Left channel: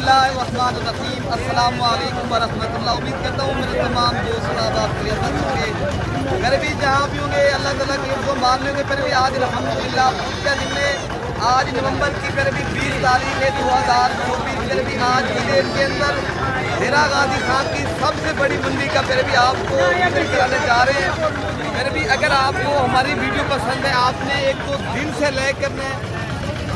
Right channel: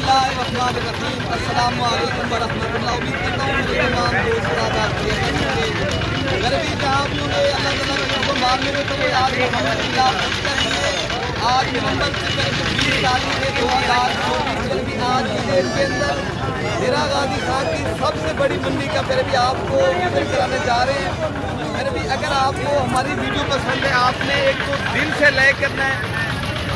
बिस्मिल्लाहिर्रहमानिर्रहीम। अस्सलाम वालेकुम वरहमतुल्लाह। उम्मीद करता हूँ मेरे तमाम दोस्त घर भी जहाँ भी होंगे अल्लाह ताला के मारने में पहले आज अल्हम्दुलिल्लाह आज नवंबर की करीब 20 तारीख है 2024 करीब आज की डेट के अंदर डेरा गाजी खान की सबसे बड़ी मंडी का फिर भी आपको विजिट कराने जा रहे हैं। फिर भी अगर आपको हमारी वीडियो पसंद है, आपने एक तो दिल से लेकर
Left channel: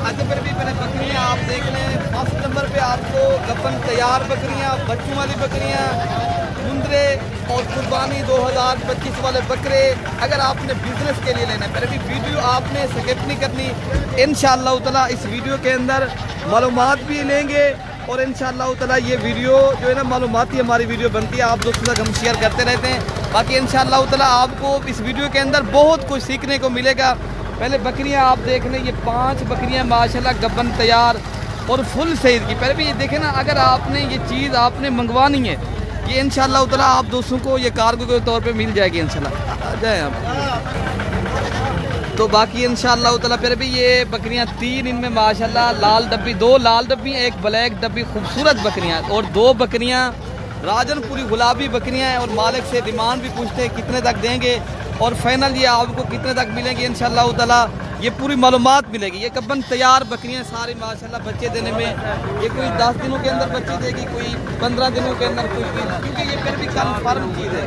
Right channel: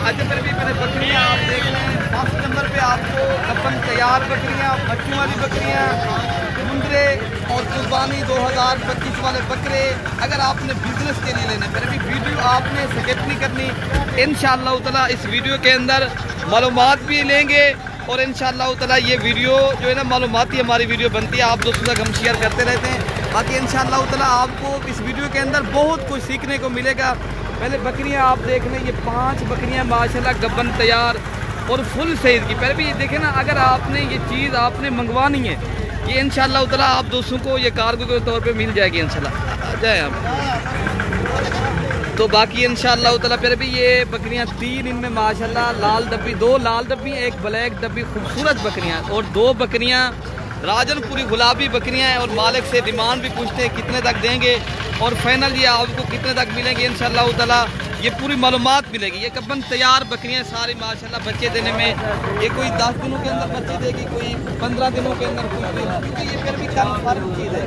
अच्छा फिर भी मैंने बकरियाँ आप देख लें। फर्स्ट नंबर पे आपको अपन तैयार बकरियाँ, बच्चों वाली बकरियाँ, मुंदरे और कुर्बानी 2025 वाले बकरे अगर आपने बिजनेस के लिए लेने फिर भी वीडियो आपने स्किप नहीं करनी। इंशाअल्लाह ताला इस वीडियो के अंदर मालूमात भी लेंगे और इंशाअल्लाह ताला ये वीडियो जो है ना मालूमाती हमारी वीडियो बनती है, आप दोस्तों तक हम शेयर करते रहते हैं। बाकी इंशाअल्लाह ताला आपको इस वीडियो के अंदर बहुत कुछ सीखने को मिलेगा। पहले बकरियां आप देख लें, ये 5 बकरियां माशाल्लाह गब्बन तैयार और फुल सईद की। पहले भी ये देखें ना, अगर आपने ये चीज़ आपने मंगवानी है ये इंशाअल्लाह ताला आप दोस्तों को ये कार्गो के तौर पे मिल जाएगी इंशाअल्लाह। तो बाकी इंशाअल्लाह ताला फिर भी ये बकरियां 3 इनमें माशाल्लाह लाल डब्बी, 2 लाल डब्बी, 1 ब्लैक डब्बी, खूबसूरत बकरियां और 2 बकरियां राजनपुरी गुलाबी बकरियां हैं। और मालिक से डिमांड भी पूछते हैं कितने तक देंगे और फाइनल ये आपको कितने तक मिलेंगे इंशाअल्लाह ताला ये पूरी मालूमात मिलेगी। ये कब्बन तैयार बकरियां सारी माशाल्लाह बच्चे देने में ये कोई 10 दिनों के अंदर बच्चे देगी, कोई 15 दिनों के अंदर कुछ भी, क्योंकि ये फिर भी कन्फर्म चीज़ है।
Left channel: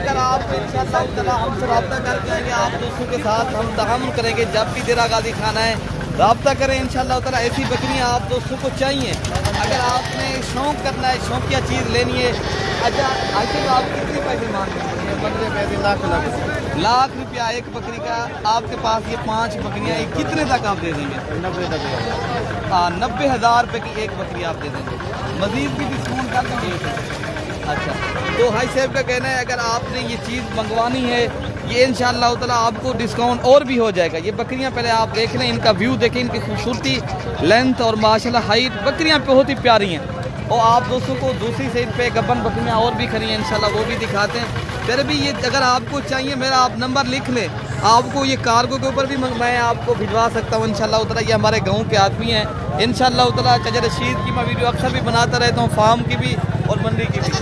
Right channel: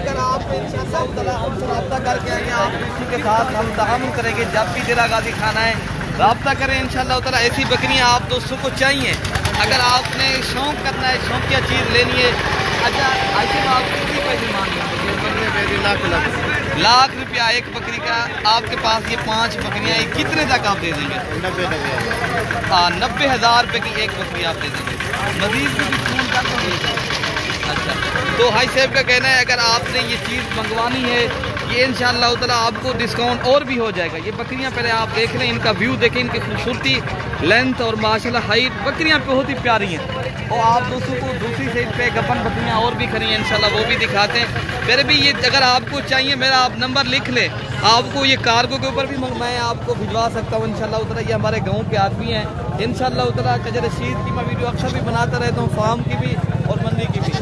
अगर आप इंशाअल्लाह ताला हमसे रब्ता करके आप किसी के साथ हम ताअम्मुल करेंगे, जब भी डेरा गाजी खाना है रब्ता करें इंशाअल्लाह ताला। ऐसी बकरियां आप दोस्तों को चाहिए, अगर आपने शौक़ करना है, शौकिया चीज़ लेनी है। अच्छा ऐसे में आप कितनी पैसे मांगे? लाख रुपया एक बकरी का। आपके पास ये 5 बकरियां कितने तक आप दे देंगे? 90,000 रुपये की एक बकरी आप दे देंगे, मजीद भी फोन करके। अच्छा तो हाई साहब का कहना है अगर आपने ये चीज़ मंगवानी है ये इंशाअल्लाह ताला आपको डिस्काउंट और भी हो जाएगा। ये बकरियां पहले आप देख लें, इनका व्यू देखें, इनकी खूबसूरती, लेंथ और माशाल्लाह हाइट, बकरियां बहुत ही प्यारी हैं। और आप दोस्तों को दूसरी साइड पे गब्बन बकरियां और भी खड़ी हैं इंशाल्लाह, वो भी दिखाते हैं। फिर भी ये अगर आपको चाहिए मेरा आप नंबर लिख ले, आपको ये कार्गो के ऊपर भी मैं आपको भिजवा सकता हूँ इंशाअल्लाह ताला। ये हमारे गाँव के आदमी हैं इंशाअल्लाह ताला। चजर रशीद की मैं वीडियो अक्सर भी बनाता रहता हूँ, फार्म की भी और मंडी की भी।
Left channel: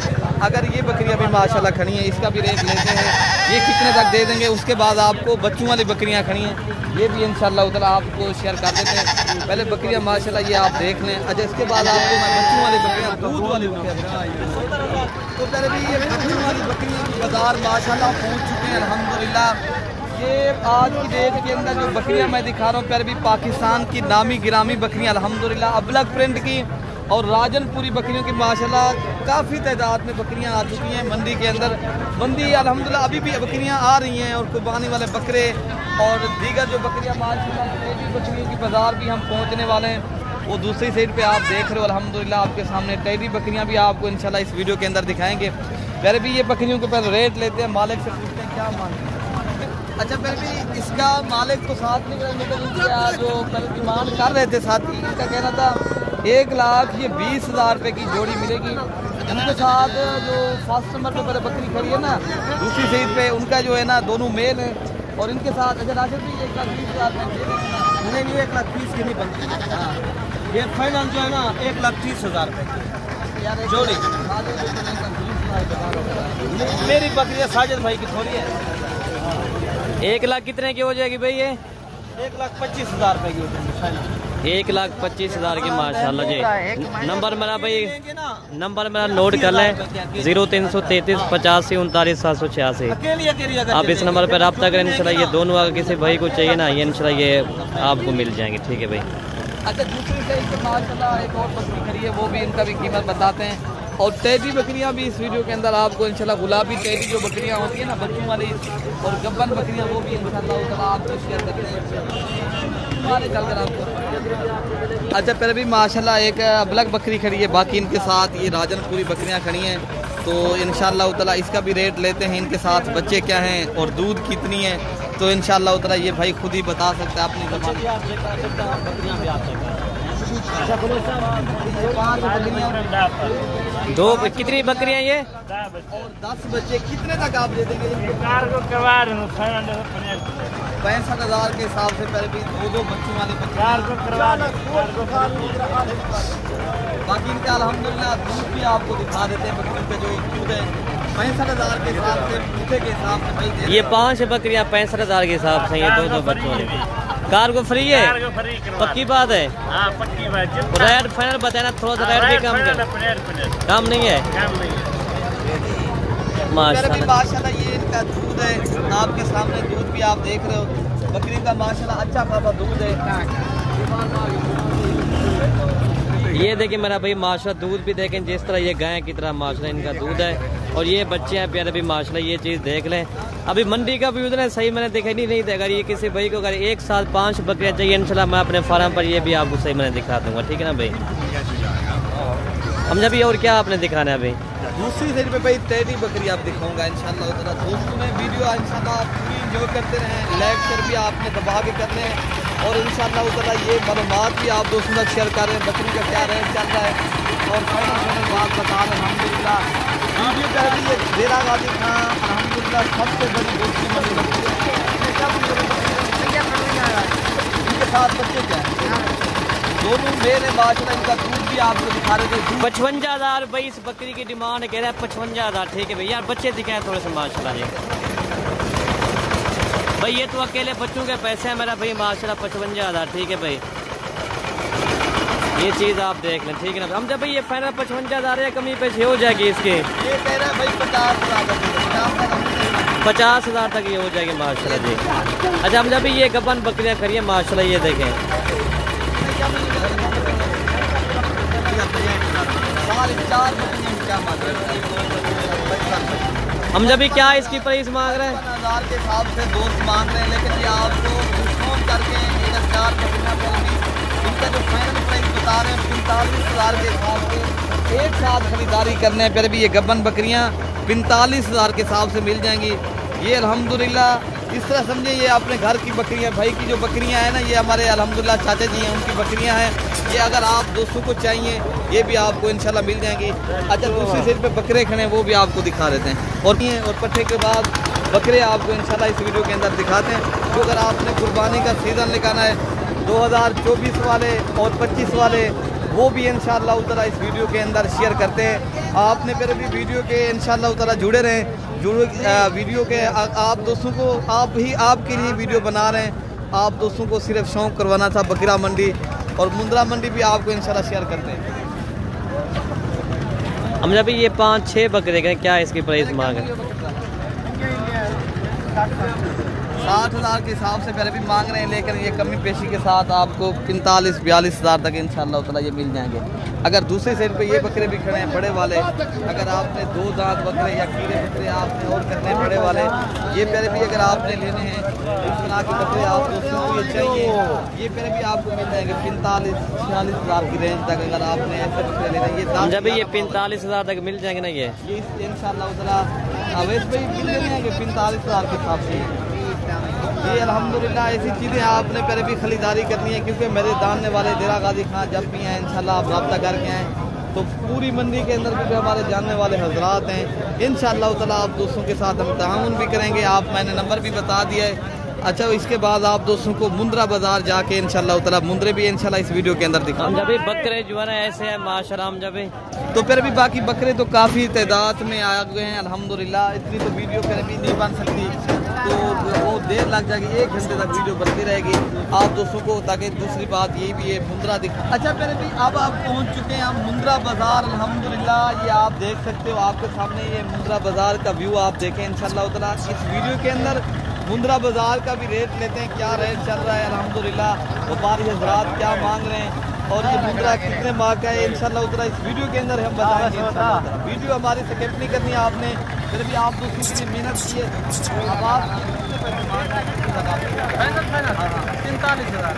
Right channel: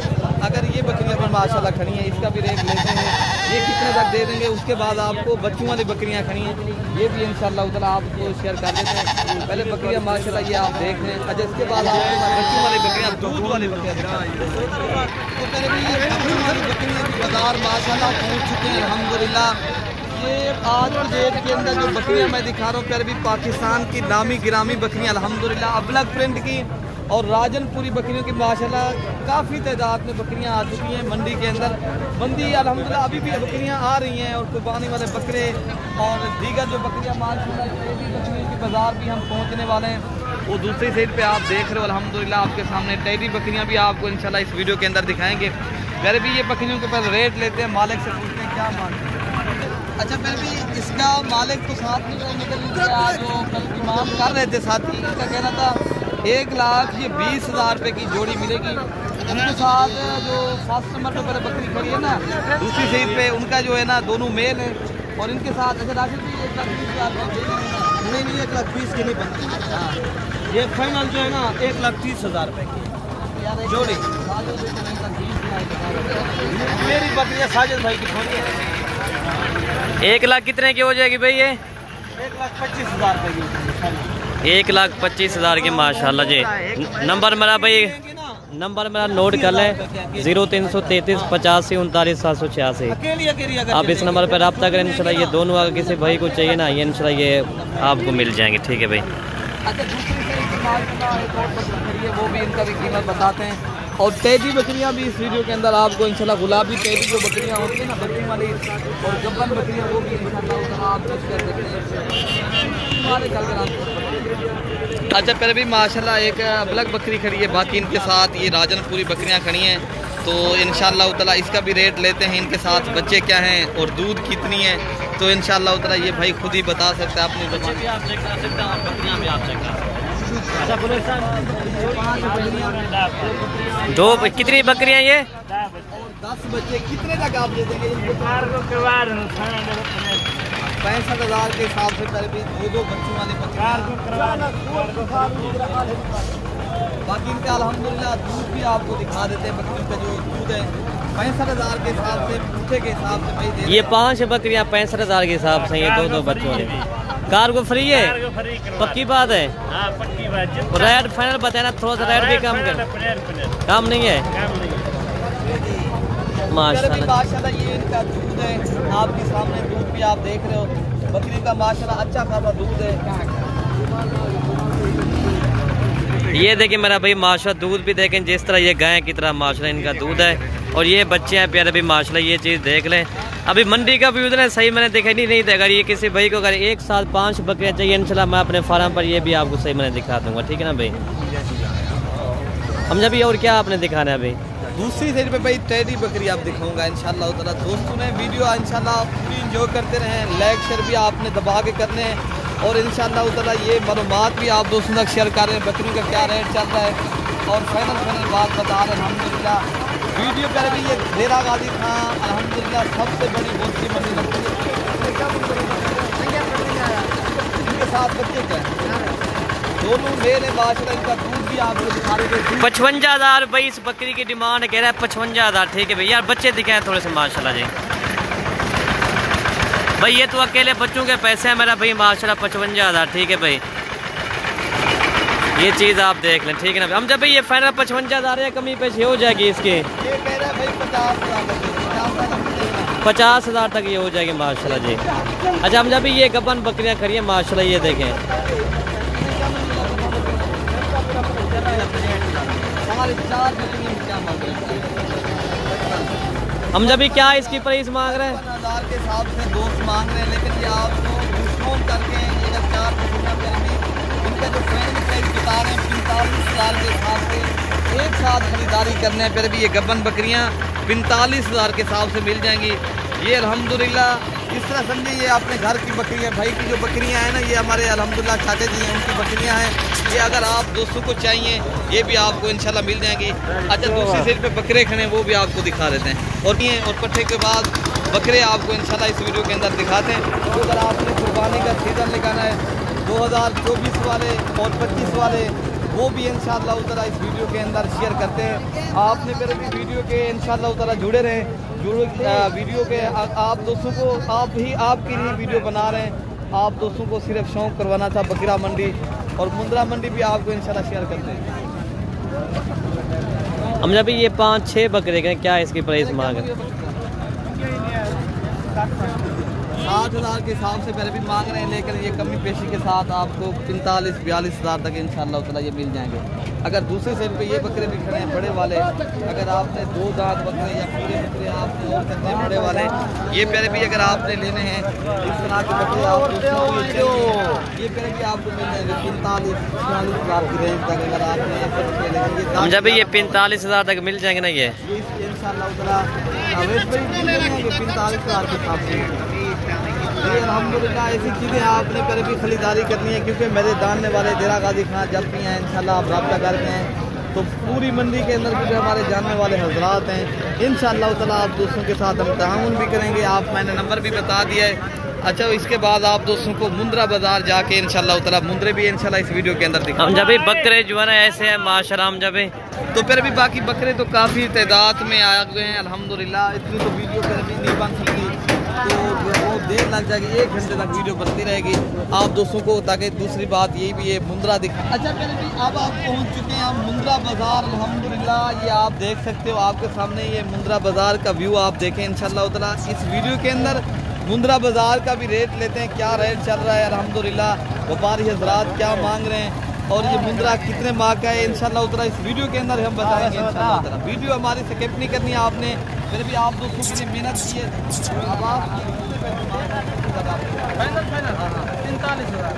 अगर ये बकरियां भी माशाल्लाह खड़ी हैं, इसका भी रेट लेते हैं ये कितने तक दे देंगे। उसके बाद आपको बच्चों वाली बकरियां खड़ी हैं, ये भी इंशाअल्लाह ताला आपको शेयर कर देते हैं। पहले बकरियां माशाल्लाह ये आप देख लें। अच्छा इसके बाद आपको बच्चों वाली बकरियां, दूध वाली बकरियां तो भी ये बच्चों वाली बकरियां की बाजार माशाल्लाह पहुँच चुकी हैं अल्हम्दुलिल्लाह। ये आज की डेट के अंदर जो बकरियां मैं दिखा रहा हूँ फिर भी पाकिस्तान की नामी गिरामी बकरियां अल्हम्दुलिल्लाह, अबलग प्रिंट की और राजनपुरी बकरियों की माशाल्लाह काफ़ी तादाद में बकरियां आ चुकी हैं मंडी के अंदर। मंडी अल्हम्दुलिल्लाह अभी भी बकरियां आ रही हैं और कुर्बानी वाले बकरे और दीगर जो बकरियां माशाल्लाह बकरियों की बाजार भी हम पहुंचने वाले हैं। वो दूसरी साइड पे आप देख रहे हो अल्हम्दुलिल्लाह आपके सामने टेडी बकरियां भी आपको इंशाल्लाह इस वीडियो के अंदर दिखाएंगे। फिर भी ये बकरियों के पहले रेट लेते हैं, मालिक से पूछते हैं क्या मांगते हैं। अच्छा फिर भी इसका मालिक तो साथ में जो इमाम कर रहे थे साथी, इसका कहना था 1,20,000 रुपये की जोड़ी मिलेगी। उनके साथ जो फर्स्ट नंबर पर पहले बकरी खड़ी है ना दूसरी साइड पे, उनका जो है ना दोनों मेल है और इनके साथ अगर राशि भी 1,20,000 उन्हें 1,30,000 की नहीं बनती। हाँ ये फाइनल जो है ना 1,30,000 रुपये की जोड़ी। मेरी बकरी है साजिद भाई की थोड़ी है। 1 लाख कितने की हो जाएगी भाई ये? 1,25,000 रुपये की। 1,25,000 की माशाल्लाह जी। नंबर मेरा भाई, नंबर मेरा नोट कर लें 0333 85 39 786। आप इस नंबर पर रब्ता करें इंशाल्लाह। ये दोनों अगर किसी भाई को चाहिए ना ये इंशाल्लाह ये आपको मिल जाएंगे। ठीक है भाई। अच्छा दूसरी साइड पे माशाल्लाह एक और बकरी खड़ी है, वो भी इनका भी कीमत बताते हैं। और टेडी बकरियां भी इस वीडियो के अंदर आपको इंशाल्लाह गुलाबी टेडी जो बकरियां होती है ना बच्चों वाली और गब्बन बकरियां वो भी इंशाल्लाह आपको शेयर करते हैं। अच्छा फिर भी माशाल्लाह एक अबलग बकरी खड़ी है, बाकी इनके साथ ये राजनपुरी बकरियां खड़ी हैं। तो इंशाल्लाह ताला इसका भी रेट लेते हैं, इनके साथ बच्चे क्या हैं और दूध कितनी है तो इंशाल्लाह ताला ये भाई खुद ही बता सकते हैं। आपने बच्चे भी आप चेक कर सकते हैं, बकरियां भी आप चेक कर सकते हैं। अच्छा बोलो 5 बकरियां, 2 कितनी बकरियां ये? और 10 बच्चे कितने तक आप दे देंगे? 65,000 के हिसाब से पहले भी दो बच्चों वाले बाकी इनका अल्हम्दुलिल्लाह दूध भी आपको दिखा देते हैं। बकरी का जो दूध है 65,000 के हिसाब से, पूछे के हिसाब से भाई ये 5 बकरियां 65,000 के हिसाब से, ये दो बच्चों वाले। कार को फ्री है, पक्की बात है। हाँ, पक्की बात है। रेट फाइनल बताना, थोड़ा सा रेट भी कम कर, कम नहीं है माशाल्लाह। ये इनका दूध है, आपके सामने दूध भी आप देख रहे हो। बकरी का माशाल्लाह अच्छा खासा दूध है। ये देखिए मेरा भाई माशाल्लाह दूध भी देखें जिस तरह ये गाय की तरह माशाल्लाह इनका दूध है। और ये बच्चे हैं प्यारे भी माशाल्लाह, ये चीज़ देख लें। अभी मंडी का व्यू ना सही मैंने देखा नहीं था। अगर ये किसी भाई को अगर एक साथ 5 बकरियां चाहिए इंशाल्लाह मैं अपने फार्म पर ये भी आपको सही मैंने दिखा दूंगा, ठीक है ना भाई। हम जब और क्या आपने दिखाना है अभी? दूसरी साइड पे भाई टेडी बकरी आप दिखाऊंगा इंशाल्लाह ताला। दोस्तों ने वीडियो इंशाल्लाह पूरी एंजॉय करते रहें, लाइक शेयर भी आपने दबा के करने हैं। और इंशाल्लाह ताला ये मालूमात भी आप दोस्तों तक शेयर कर रहे हैं, बकरी का क्या रेट चल रहा है और फाइनल बात बता रहे हैं अल्हम्दुलिल्लाह। वीडियो कर रही है डेरा गाजी खां अल्हम्दुलिल्लाह सबसे बड़ी दोस्ती बनी इनके साथ बच्चे क्या है दोनों मेरे माशाल्लाह। इनका दूध भी आपको दिखा रहे थे। 55,000 भाई इस बकरी की डिमांड कह रहा है 55,000, ठीक है भाई। यार बच्चे दिखाए थोड़े से माशाल्लाह जी भाई। ये तो अकेले बच्चों के पैसे हैं मेरा भाई माशाल्लाह 55,000, ठीक है भाई। ये चीज़ आप देख लें, ठीक है ना। हम जब भाई ये फाइनल 55,000 है, कमी पेश हो जाएगी इसकी। ये कह रहा है भाई 50,000 तक ये हो जाएगी माशाल्लाह जी। अच्छा हम जब भी ये गबन बकरियां खड़ी माशाल्लाह, ये देखें हम जब भी क्या इसकी प्राइस मांग रहे हैं 50,000 के हिसाब से दोस्त मांग रहे हैं। लेकिन ये आपको डिस्काउंट करके अगर 4 बकरियां करेंगी इनका जो फाइनल प्राइस बता रहे हैं 45,000 के हिसाब से। एक साथ खरीदारी करने फिर भी ये गबन बकरियां 45,000 के हिसाब से मिल जाएंगी। ये अल्हम्दुलिल्लाह इस तरह समझे ये अपने घर की बकरियां, भाई की जो बकरियां हैं ना, ये हमारे अल्हम्दुलिल्लाह चाचा जी हैं, उनकी बकरियां हैं। ये अगर आप दोस्तों को चाहिए ये भी आपको इंशाल्लाह मिल जाएंगी। अच्छा दूसरी साइड पे बकरे खड़े हैं वो भी आपको दिखा देते हैं। और पट्टे के बाद बकरे आपको इंशाल्लाह इस वीडियो के अंदर दिखाते हैं। तो अगर आपने कुर्बानी का सीज़न निकालना है 2024 वाले और 25 वाले वो भी इंशाल्लाह ताला इस वीडियो के अंदर शेयर करते हैं। आपने मेरे भी वीडियो के इंशाल्लाह ताला जुड़े रहें, वीडियो के आप दोस्तों को आपके लिए वीडियो बना रहे हैं। आप दोस्तों को सिर्फ शौक करवाना था। बकरा मंडी और मुंद्रा मंडी भी आपको इंशाल्लाह शेयर करते हैं। हम जब ये 5-6 बकरे के क्या इसकी प्राइस मांग है? 60,000 के हिसाब से पहले भी मांग रहे हैं, लेकिन ये कमी पेशी के साथ आपको 45-42,000 तक इंशाल्लाह ताला ये मिल जाएंगे। अगर दूसरे साइड पे ये बकरे भी खड़े हैं बड़े वाले, अगर आपने 2 दांत बकरे या कीड़े बकरे आपने और करने हैं बड़े वाले, ये पहले भी अगर आपने लेने हैं इस तरह के बकरे आपको चाहिए ये पहले भी आपको मिल जाएंगे 45-46,000 की रेंज तक। अगर आपने ऐसे बकरे लेने ये 45,000 तक मिल जाएंगे ना ये इंशाल्लाह ताला अवैध भी मिल जाएंगे 45,000 के हिसाब से। ये अल्हम्दुलिल्लाह ऐसी चीज़ें आपने पहले भी खरीदारी करनी है, क्योंकि मेरे जानने वाले डेरा गाजी खां जब भी हैं इंशाल्लाह आप रब्ता करके हैं तो पूरी मंडी के अंदर भी जो हमारे जानने वाले हजरात हैं इंशाल्लाह ताला आप दोस्तों के साथ हम ताउन भी करेंगे। आप मैंने नंबर भी बता दिया है। अच्छा इसके बाद आप दोस्तों को मुंद्रा बाजार जाके इंशाल्लाह ताला मुंद्रे भी इंशाल्लाह इस वीडियो के अंदर दिखाएंगे। हम जब बकरे जो है ना ऐसे है माशाल्लाह। हम जब तो फिर भी बाकी बकरे तो काफ़ी तादाद में आ गए हैं अल्हम्दुलिल्लाह। इतनी तो वीडियो फिर भी नहीं बन सकती, तो वो देर लग जाएगी, 1 घंटे तक वीडियो बनती रहेगी आप दोस्तों को। ताकि दूसरी बात ये भी है मुंद्रा दिखा। अच्छा पहले भी अब आप पहुंच चुके हैं हम मुंद्रा बाजार अल्हम्दुलिल्लाह। ये आप देख सकते हो आपके सामने ये मुंद्रा बाजार का व्यू आप देखें इंशाल्लाह ताला। इस वीडियो के अंदर मुंद्रा बाजार का भी रेट लेते हैं, क्या रेट चल रहा है अल्हम्दुलिल्लाह, व्यापारी हजरात क्या मांग रहे हैं और ये मुंद्रा कितने माह का है इंशाल्लाह ताला इस वीडियो के अंदर हम बताएंगे इंशाल्लाह ताला। वीडियो हमारी स्किप नहीं करनी है आपने, फिर भी आप दोस्तों की मेहनत की है। अब आप कितने पैसे मांग रहे हैं, कितने तक आप फाइनल? हाँ 45,000।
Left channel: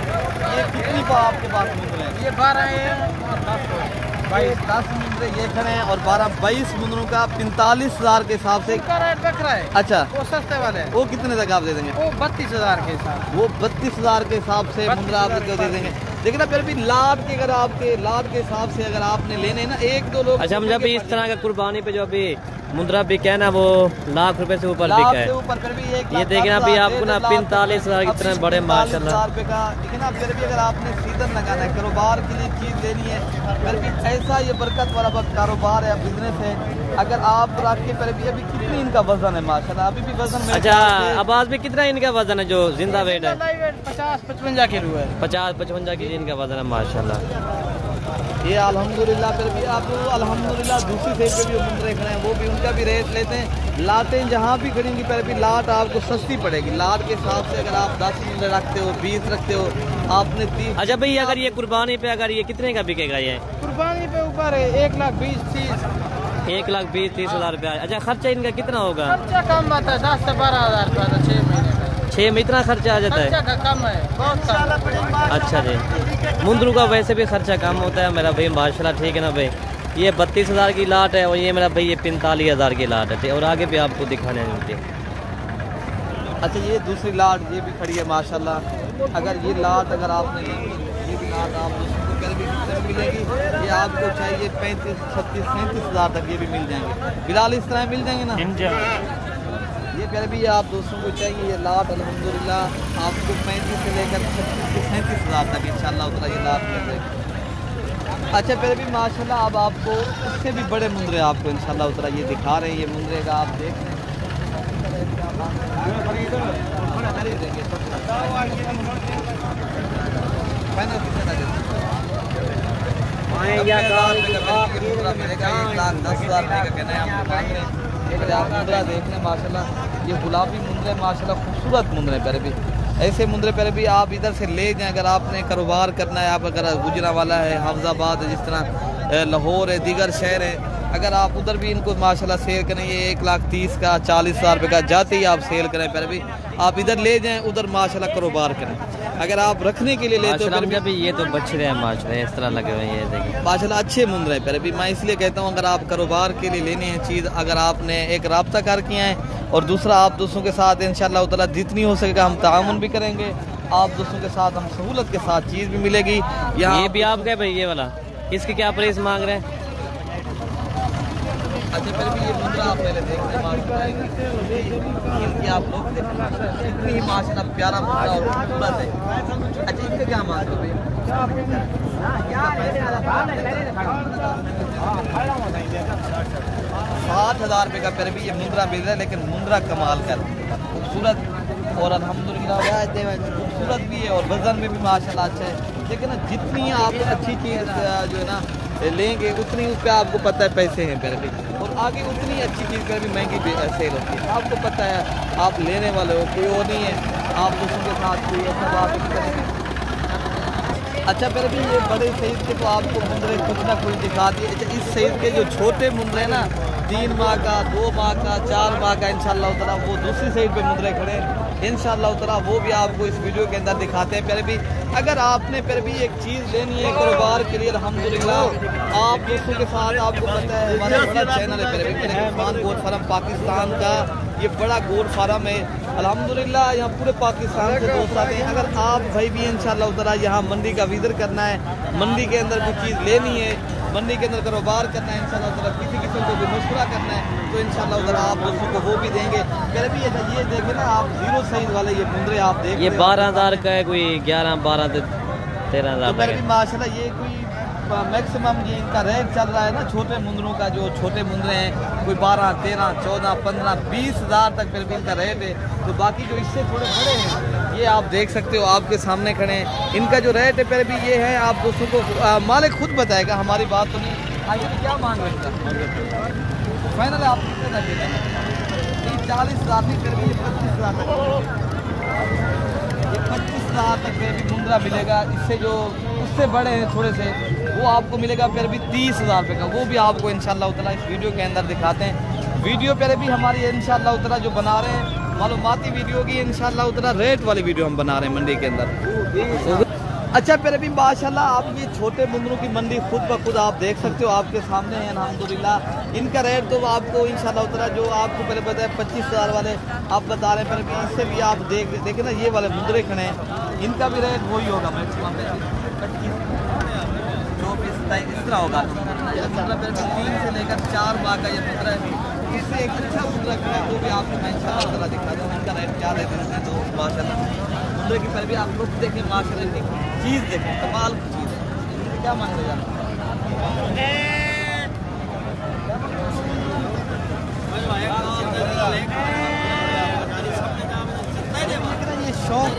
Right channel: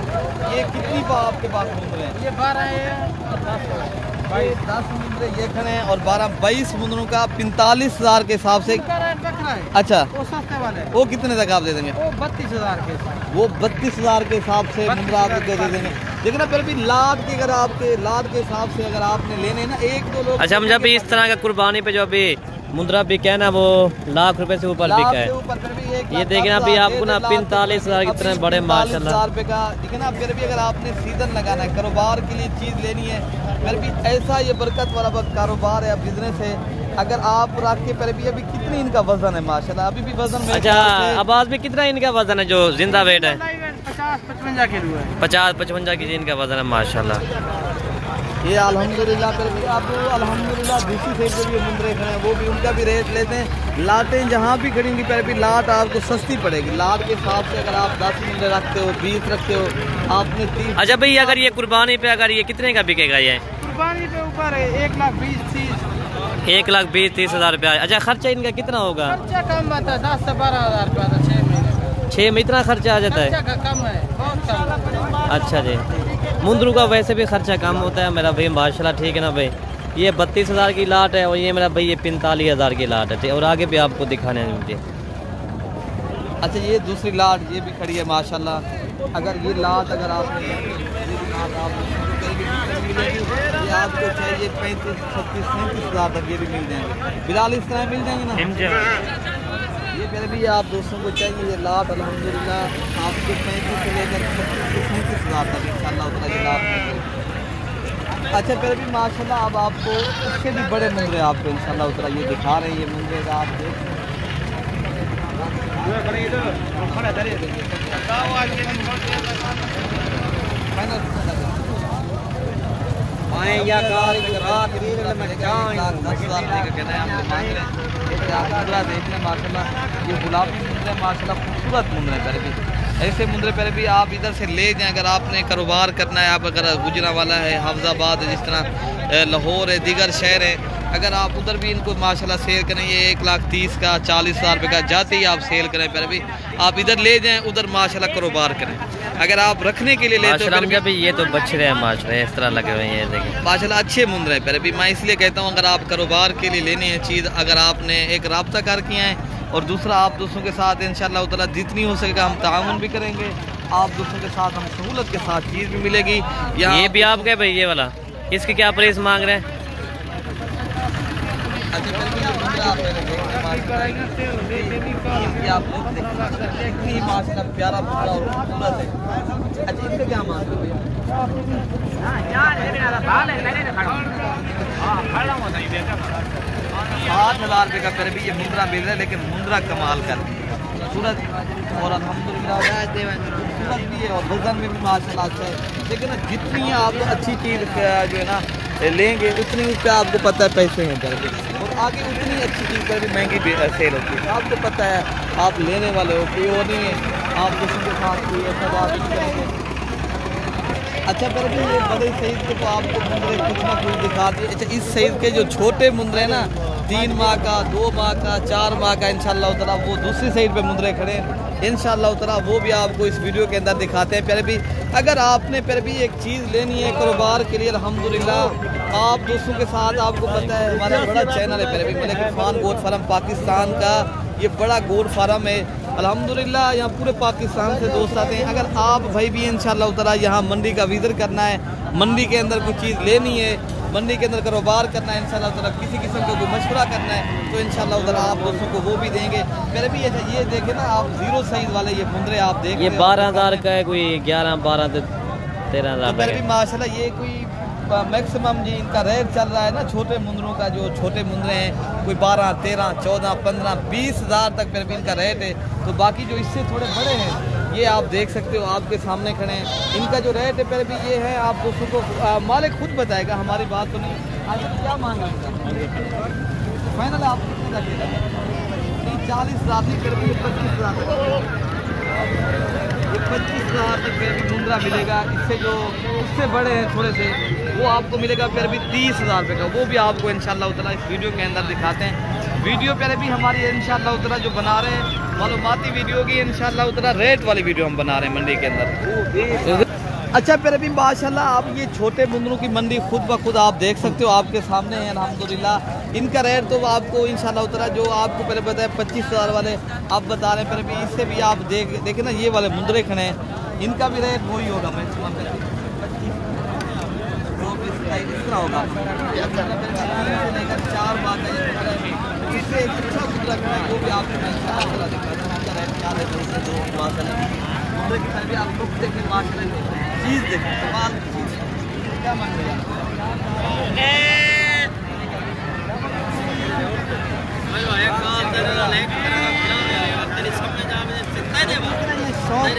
ये कितनी आपके पास मिल रहे हैं? ये 12 है और 10 हो 10 मुंदरे ये खड़े हैं और 22 मुंदरों का 45,000 के हिसाब से अच्छा वो सस्ते वाले वो कितने तक आप दे देंगे? वो 32,000 के हिसाब। वो 32,000 के हिसाब से मुंदरा आपको दे देंगे। लेकिन फिर भी लाद के अगर आपके लाद के हिसाब से अगर आपने लेने ना एक दो लोग। अच्छा हम जब इस तरह का कुर्बानी पे जो अभी मुंद्रा बिका है ना वो लाख रुपए से ऊपर बिका है। ये देखना अभी आपको ना 45,000 की तरह बड़े माशाल्लाह रुपए का। लेकिन फिर भी अगर आपने सीजन लगाना है कारोबार के लिए चीज लेनी है फिर भी ऐसा ये बरकत वाला कारोबार है बिजनेस है अगर आप रख के फिर भी अभी कितनी इनका वजन है माशाल्लाह अभी भी वजन। अच्छा आवाज में कितना इनका वजन है जो जिंदा वेट है? 50-55 किलो है। 50-55 की इनका वजन है माशाल्लाह। ये अल्हम्दुलिल्लाह फिर भी आप अल्हम्दुलिल्लाह दूसरी साइड पे भी मुंदरे खड़े हैं वो भी उनका भी रेट लेते हैं। लाटें जहाँ भी खड़ेंगी फिर भी लाट आपको सस्ती पड़ेगी। लाट के हिसाब से अगर आप 10 मुंदरे रखते हो 20 रखते हो आपने 30। अच्छा भाई अगर ये कुर्बानी पे अगर ये कितने का बिकेगा? ये कुर्बानी पे ऊपर है 1,20,30 1,20,30,000 रुपया। अच्छा खर्चा इनका कितना होगा? खर्चा कम आता है 10 से 12,000 रुपया तो 6 महीने का। 6 में इतना खर्चा आ जाता है? खर्चा कम है बहुत कम। अच्छा जी मुंदरू का वैसे भी खर्चा कम होता है मेरा भाई माशाल्लाह। ठीक है ना भाई ये 32,000 की लाट है और ये मेरा भाई ये 45,000 की लाट है और आगे भी आपको दिखाने मिलती है। अच्छा ये दूसरी लाट ये भी खड़ी है माशाल्लाह। अगर ये लाट अगर आपने लाट आप मिलेगी ये आपको चाहिए 35, 36, 37,000 तक ये भी मिल जाएंगे। फिलहाल इस तरह मिल जाएंगे ना ये फिर भी आप दोस्तों को चाहिए ये लाट अल्हम्दुलिल्लाह आपको 35 से लेकर 36 से 37,000 तक इंशाल्लाह उतना ये लाट मिल जाएगी। अच्छा फिर भी माशाल्लाह अब आपको उससे भी बड़े मुंदरे आपको इंशाल्लाह उतना ये दिखा रहे हैं। ये मुंदरे का आप देख मुंदरा देखना माशाल्लाह ये गुलाबी मुंदरे माशाल्लाह खूबसूरत मुंदरे पर भी ऐसे मुंदरे पर भी आप इधर से ले जाएं अगर आपने कारोबार करना है। आप अगर गुजरांवाला है हाफजाबाद है जिस तरह लाहौर है दीगर शहर है अगर आप उधर भी इनको माशाल्लाह सेल करें ये 1,30,000 का 40,000 रुपये का जाते ही आप सेल करें फिर भी आप इधर ले जाएं उधर माशाल्लाह कारोबार करें। अगर आप रखने के लिए लेते हो भी ये तो बछड़े हैं माशाल्लाह इस तरह लगे हुए हैं ये देखिए माशाल्लाह अच्छे मुंदरे हैं। फिर भी मैं इसलिए कहता हूँ अगर आप कारोबार के लिए लेने हैं चीज़ अगर आपने एक राब्ता कर किया है और दूसरा आप दूसरों के साथ इंशाल्लाह ताला जितनी हो सकेगा हम ताउन भी करेंगे आप दूसरों के साथ हम सहूलत के साथ चीज़ भी मिलेगी। ये भी आपका भाई ये वाला इसकी क्या प्राइस मांग रहे हैं? अच्छा फिर भी ये मुंदरा आप मेरे माशाल्लाह प्यारा मुंदरा और खूबसूरत है। अच्छा इनसे क्या मांग रहे हो भैया? 60,000 रुपये का फिर भी ये मुंदरा मिल रहा है लेकिन मुंदरा कमाल का खूबसूरत और अल्हम्दुलिल्लाह खूबसूरत भी है और वजन में भी माशाल्लाह अच्छा है। लेकिन जितनी आप अच्छी चीज़ जो है ना लेंगे उतनी उसका आपको पता है पैसे हैं फिर भी और आगे उतनी अच्छी चीज़ पर भी महंगी भी सेल होती है। आपको पता है आप लेने वाले हो कि वो नहीं है आप दूसरों के साथ कोई ऐसा बात। अच्छा फिर भी ये बड़े साइज के तो आपको मुंदरे कुछ ना कुछ दिखा दिए। अच्छा इस साइज के जो छोटे मुंदरे ना 3 माह का 2 माह का 4 माह का इंशाल्लाह ताला वो दूसरी साइड पे मुंदरे खड़े इंशाल्लाह ताला वो भी आपको इस वीडियो के अंदर दिखाते हैं। फिर भी अगर आपने फिर भी एक चीज़ लेनी है कारोबार के लिए अल्हम्दुलिल्लाह आप दूसरों के साथ आपको पता है हमारा बड़ा चैनल है फिर भी मलिक गोट फार्म पाकिस्तान का ये बड़ा गोट फार्म है अल्हम्दुलिल्लाह यहाँ पूरे पाकिस्तान से दोस्त आते हैं। अगर आप भाई भी इंशाल्लाह ताला यहाँ मंडी का विजिट करना है मंडी के अंदर कोई चीज़ लेनी है मंडी के अंदर कारोबार करना है इंशाल्लाह ताला किसी किस्म का कोई मशवरा करना है तो इंशाल्लाह ताला आप दोस्तों को वो भी देंगे। फिर भी ये देखें ना आप 0 साइज वाले ये मुंदरे आप देख ये 12,000 का है कोई 11-12-13,000 तक है माशाल्लाह। ये कोई मैक्सिमम जी इनका रेट चल रहा है ना छोटे मुंदरों का जो छोटे मुंदरे हैं कोई 12, 13, 14, 15, 20,000 तक फिर भी इनका रेट है। तो बाकी जो इससे थोड़े बड़े हैं ये आप देख सकते हो आपके सामने खड़े हैं इनका जो रेट है फिर भी ये है आप दोस्तों को मालिक खुद बताएगा हमारी बात तो नहीं। आइए क्या मांग रहे इसका फाइनल आप कितने का 40,000 फिर भी 25,000 ये 25,000 तक फिर भी मुंदरा मिलेगा। इससे जो उससे बड़े हैं थोड़े से वो आपको मिलेगा फिर भी 30,000 रुपये का वो भी आपको इंशाल्लाह ताला इस वीडियो के अंदर दिखाते हैं। वीडियो पर भी हमारी इंशाल्लाह ताला जो बना रहे हैं मालूमाती वीडियो की इंशाल्लाह ताला रेट वाली वीडियो हम बना रहे हैं मंडी के अंदर। अच्छा फिर अभी माशाल्लाह आप ये छोटे मुंदरों की मंडी खुद ब खुद आप देख सकते हो, आपके सामने है अल्हम्दुलिल्लाह। इनका रेट तो आपको इंशाल्लाह उतरा जो आपको पहले बताया 25,000 वाले आप बता रहे हैं, फिर भी इससे भी आप देखें ना ये वाले मुंदरे खड़े हैं, इनका भी रेट वही होगा 25 इस तरह होगा। 3 से लेकर 4 माह का ये मुंदरा है, इससे एक अच्छा मुंदरा खड़ा है वो भी आपको मैं इंशाल्लाह दिखाता हूँ। इनका रेट क्या है दो माशाल्लाह मुंदरे की फिर भी आप लोग देखें माशाल्लाह देखें चीज़ देखें कमाल की चीज़ क्या मान लिया। ये शौक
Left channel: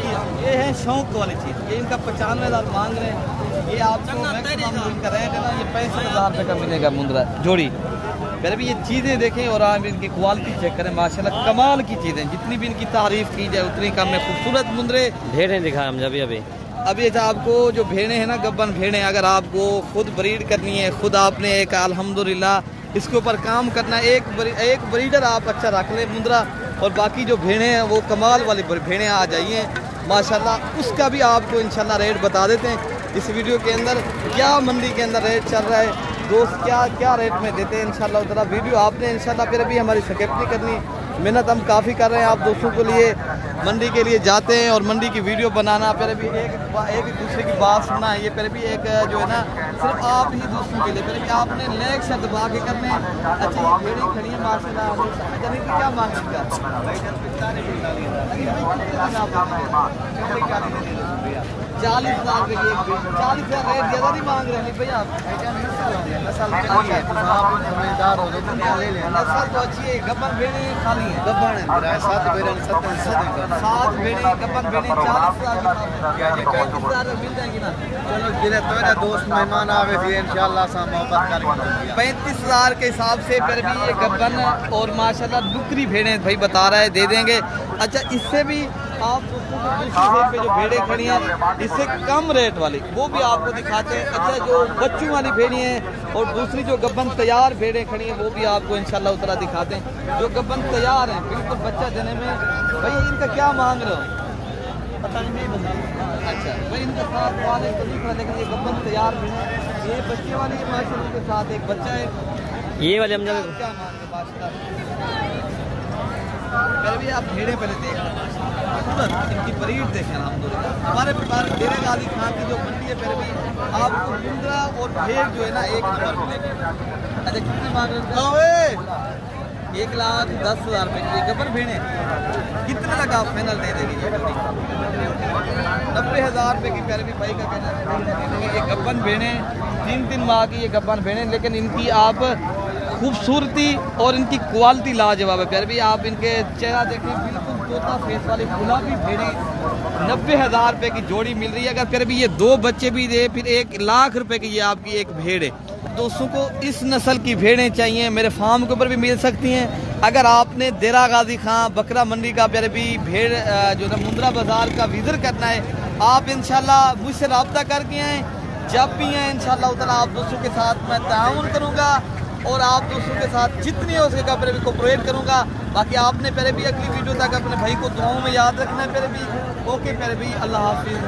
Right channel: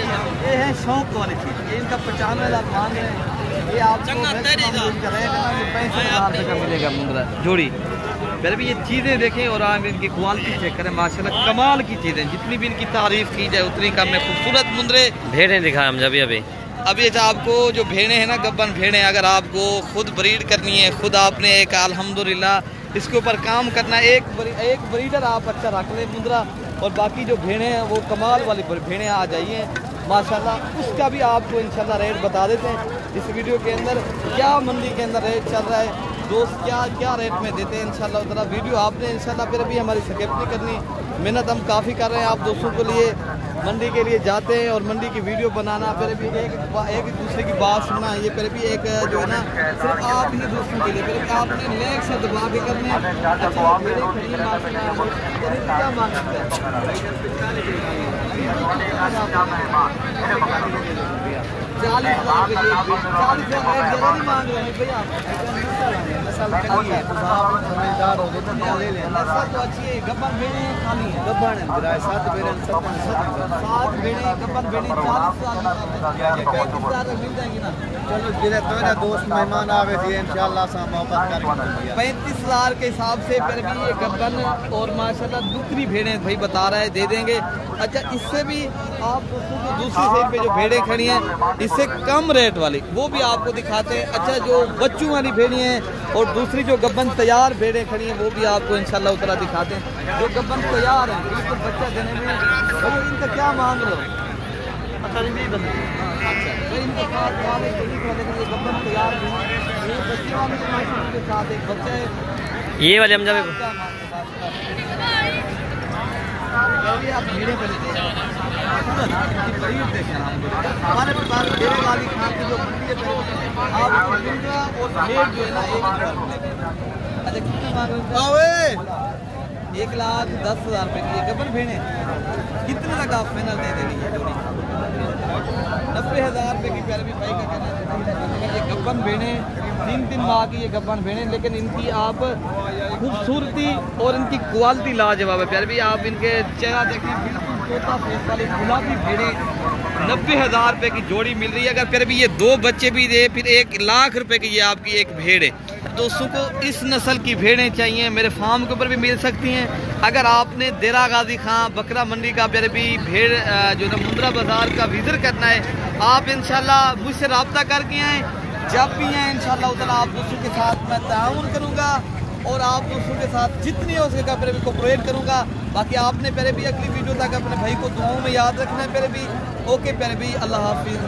ये है शौक वाली चीज़, ये इनका 95,000 मांग रहे हैं, ये आपको कर रहे हैं 65,000 रुपये का मिलेगा मुंदरा जोड़ी। फिर भी ये चीज़ें देखें और आप इनकी क्वालिटी चेक करें माशाल्लाह कमाल की चीज़ें, जितनी भी इनकी तारीफ की जाए उतनी कम है। खूबसूरत मुंदरे भेड़ें दिखाएं हम अभी अच्छा आपको जो भेड़ें हैं ना गब्बन भेड़ें, अगर आपको खुद ब्रीड करनी है, खुद आपने एक अल्हम्दुलिल्लाह इसके ऊपर काम करना है, एक ब्रीडर आप अच्छा रख ले मुंदरा, और बाकी जो भेड़ें हैं वो कमाल वाली भेड़ें आ जाइए माशाल्लाह। उसका भी आपको इंशाल्लाह रेट बता देते हैं इस वीडियो के अंदर, क्या मंडी के अंदर रेट चल रहा है दोस्त, क्या रेट में देते हैं इंशाल्लाह उतना वीडियो आपने इंशाल्लाह फिर भी हमारी स्किप नहीं करनी, मेहनत हम काफ़ी कर रहे हैं आप दोस्तों के लिए, मंडी के लिए जाते हैं और मंडी की वीडियो बनाना, फिर भी एक दूसरे की बात सुनना, ये फिर भी एक जो है ना सिर्फ आप ही दोस्तों के लिए, फिर भी आपने लेग से दबा के करने। अच्छा ये भेड़ें खड़ी हैं माशाल्लाह, क्या मांग सकते हैं 40,000 के लिए 40,000 रेट ज़्यादा नहीं मांग रहे हैं भैया आप, नस्ल अच्छी है तो आप समझदार हो तो ले लें, नस्ल तो अच्छी है। गब्बन भेड़ें खाली है, गब्बन है 7 भेड़ें गब्बन भेड़ें 40,000 मिल जाएंगी ना। चलो जिले तो दोस्त मेहमान आवे थे इंशाल्लाह सा मोहब्बत करके 35,000 के हिसाब से फिर भी ये गब्बन और माशाल्लाह दुकरी भेड़ें भाई बता रहा है दे देंगे। अच्छा इससे भी आप दोस्तों को दूसरी साइड पे जो भेड़ें खड़ी हैं इससे कम रेट वाली वो भी आपको दिखाते हैं। अच्छा जो बच्चों वाली भेड़ें हैं और दूसरी जो गब्बन तैयार भेड़ें खड़ी हैं वो भी आपको इंशाल्लाह उतना दिखाते हैं। जो गब्बन तैयार हैं बिल्कुल बच्चा देने में, भाई इनका क्या मांग रहे हो? अच्छा भाई इनका साथ वाले तो दिख रहा, लेकिन ये गब्बन तैयार भी है, ये बच्चे वाले के साथ एक बच्चा है, ये वाले हम जब पहले आप भेड़ें पहले देखें इनकी ब्रीड देखें। हमारे पास डेढ़ वाली खान की जो मंडी है आपको मुंदरा और भेड़ जो है ना एक नंबर मिलेगा। अच्छा कितने मांग रहे हैं? 1,10,000 रुपये की गब्बर भेड़ें कितने लगा आप फाइनल दे देंगे? 90,000 रुपये की प्यारे भी भाई का कहना है। ये गब्बन भेड़ें 3 माह की ये गब्बन भेड़ें, लेकिन इनकी आप खूबसूरती और इनकी क्वालिटी लाजवाब है। प्यारे भी आप इनके चेहरा देखें बिल्कुल तोता फेस वाली गुलाबी भेड़ें 90,000 रुपये की जोड़ी मिल रही है। अगर फिर भी ये 2 बच्चे भी दे फिर 1,00,000 रुपये की ये आपकी एक भेड़ है। दोस्तों को इस नस्ल की भेड़ें चाहिए मेरे फार्म के ऊपर भी मिल सकती हैं। अगर आपने देरा गाजी खां बकरा मंडी का प्यारे भी भेड़ जो है मुंदरा बाजार का विजिट करना है आप इंशाल्लाह मुझसे रब्ता करके आएँ, जब भी हैं इंशाल्लाह उतना आप दोस्तों के साथ मैं ताउन करूँगा और आप दोस्तों के साथ जितनी हो सकेगा पहले भी कोऑपरेट करूँगा। बाकी आपने पहले भी अगली वीडियो तक अपने भाई को दुआओं में याद रखना है। पहले भी ओके पहले भी अल्लाह हाफिज़।